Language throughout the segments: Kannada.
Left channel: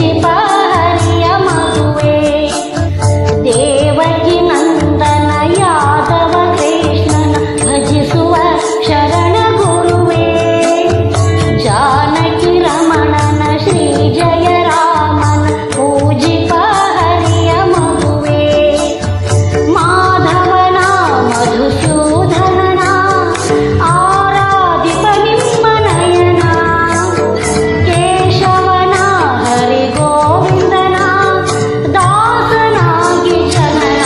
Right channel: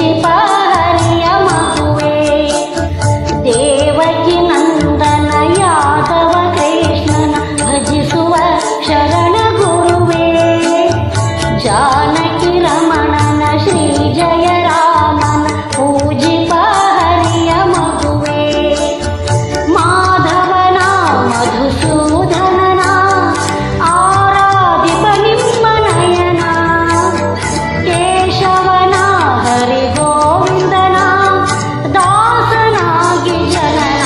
ಮೆಚ್ಚಿಪ ಹರಿಯ ಮಗುವೆ ದೇವಕಿ ನಂದನ ಯಾದವ ಕೃಷ್ಣನ ಭಜಿಸುವ ಶರಣ ಗುರುವೇ ಜಾನಕಿ ರಮಣನ ಶ್ರೀ ಜಯ ರಾಮನ ಪೂಜಿಪ ಹರಿಯ ಮಗುವೆ ಮಾಧವನ ಮಧುಸೂದನನ ಆರಾಧಿಪ ನಿಮ್ಮ ನಯನ ಕೇಶವನ ಹರಿ ಗೋವಿಂದನ ದಾಸನಾಗಿ ಜನನ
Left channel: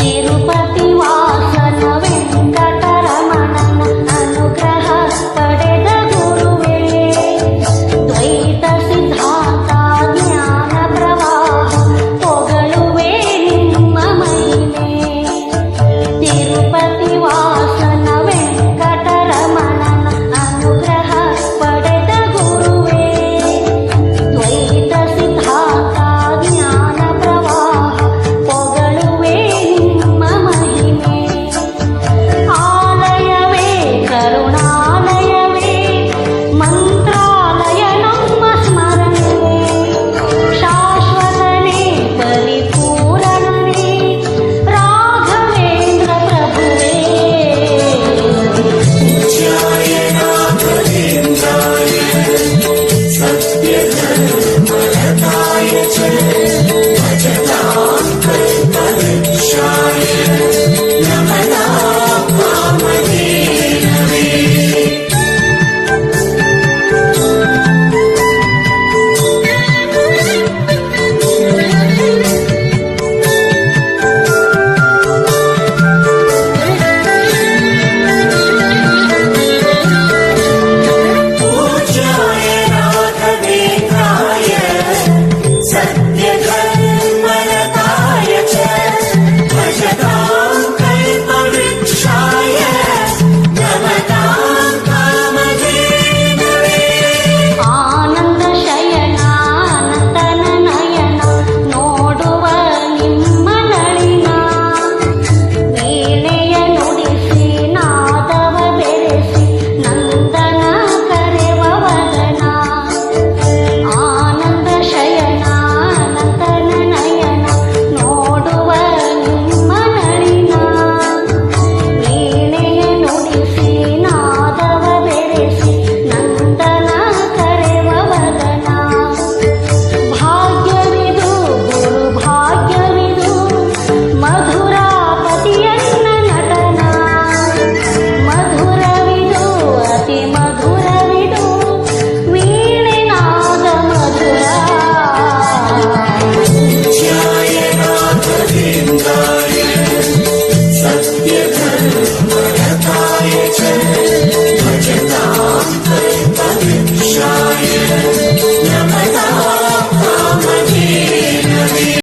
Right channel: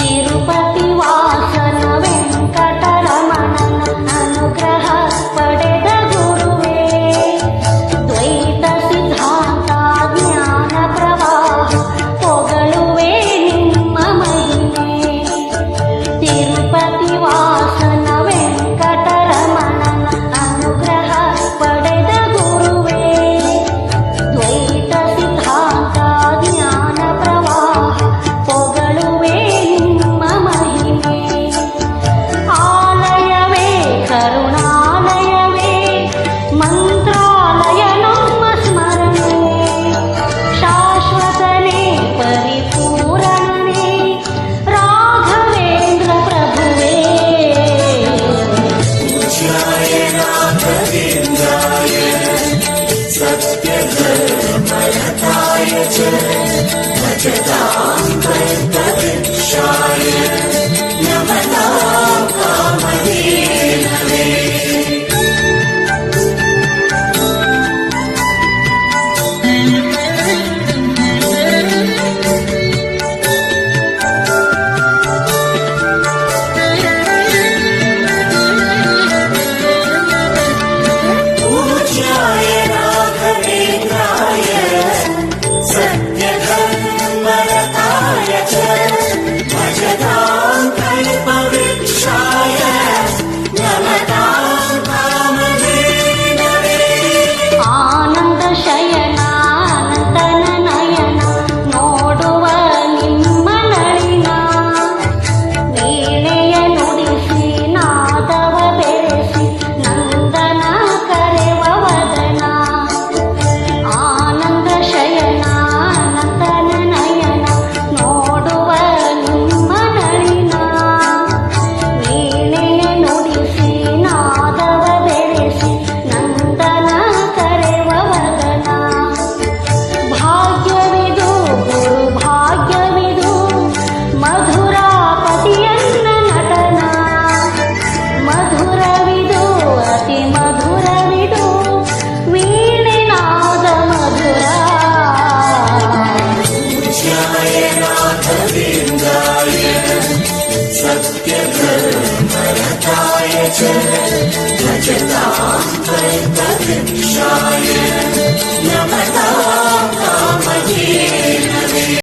ತಿರುಪತಿ ವಾಸನ ವೆಂಕಟರಮಣನ ಅನುಗ್ರಹ ಪಡೆದ ಗುರುವೇ ದ್ವೈತ ಸಿದ್ಧಾಂತ ಜ್ಞಾನ ಪ್ರವಾಹ ಹೊಗಳುವೆ ನಿಮ್ಮ ಮಹಿಮೆ ತಿರುಪತಿ ವಾಸನ ವೆಂಕಟರಮಣನ ಅನುಗ್ರಹ ಪಡೆದ ಗುರುವೇ ದ್ವೈತ ಸಿದ್ಧಾಂತ ಜ್ಞಾನ ಪ್ರವಾಹ ಹೊಗಳುವೆ ನಿಮ್ಮ ಮಹಿಮೆ ಆಲಯವೇ ಕರುಣಾಲಯವೇ ಮಂತ್ರಾಲಯ ನಮ್ಮ ಸ್ಮರಣೆ ಶಾಶ್ವತನೇ ಪರಿಪೂರಣನೇ ರಾಘವೇಂದ್ರ ಪ್ರಭುವೇ ಆನಂದ ಶಯನ ಅನಂತನ ನಯನ ನೋಡುವ ನಿಮ್ಮ ನಳಿನ ವೀಣೆಯ ನುಡಿಸಿ ನಾದವ ಬೆರೆಸಿ ನಂದನ ಕರೆವ ವದನ ಆನಂದ ಶಯನ ಅನಂತನ ನಯನ ನೋಡುವ ನಿಮ್ಮ ನಳಿನ ವೀಣೆಯ ನುಡಿಸಿ ನಾದವ ಬೆರೆಸಿ ನಂದನ ಕರೆವ ವದನ ಭಾಗ್ಯವಿದು ಗುರು ಭಾಗ್ಯವಿದು ಮಧುರಾಪತಿಯನ್ನ ನಟನ ಮಧುರವಿದು ಅತಿ ಮಧುರವಿದು ವೀಣೆನಾದ ಮಧುರ सत्य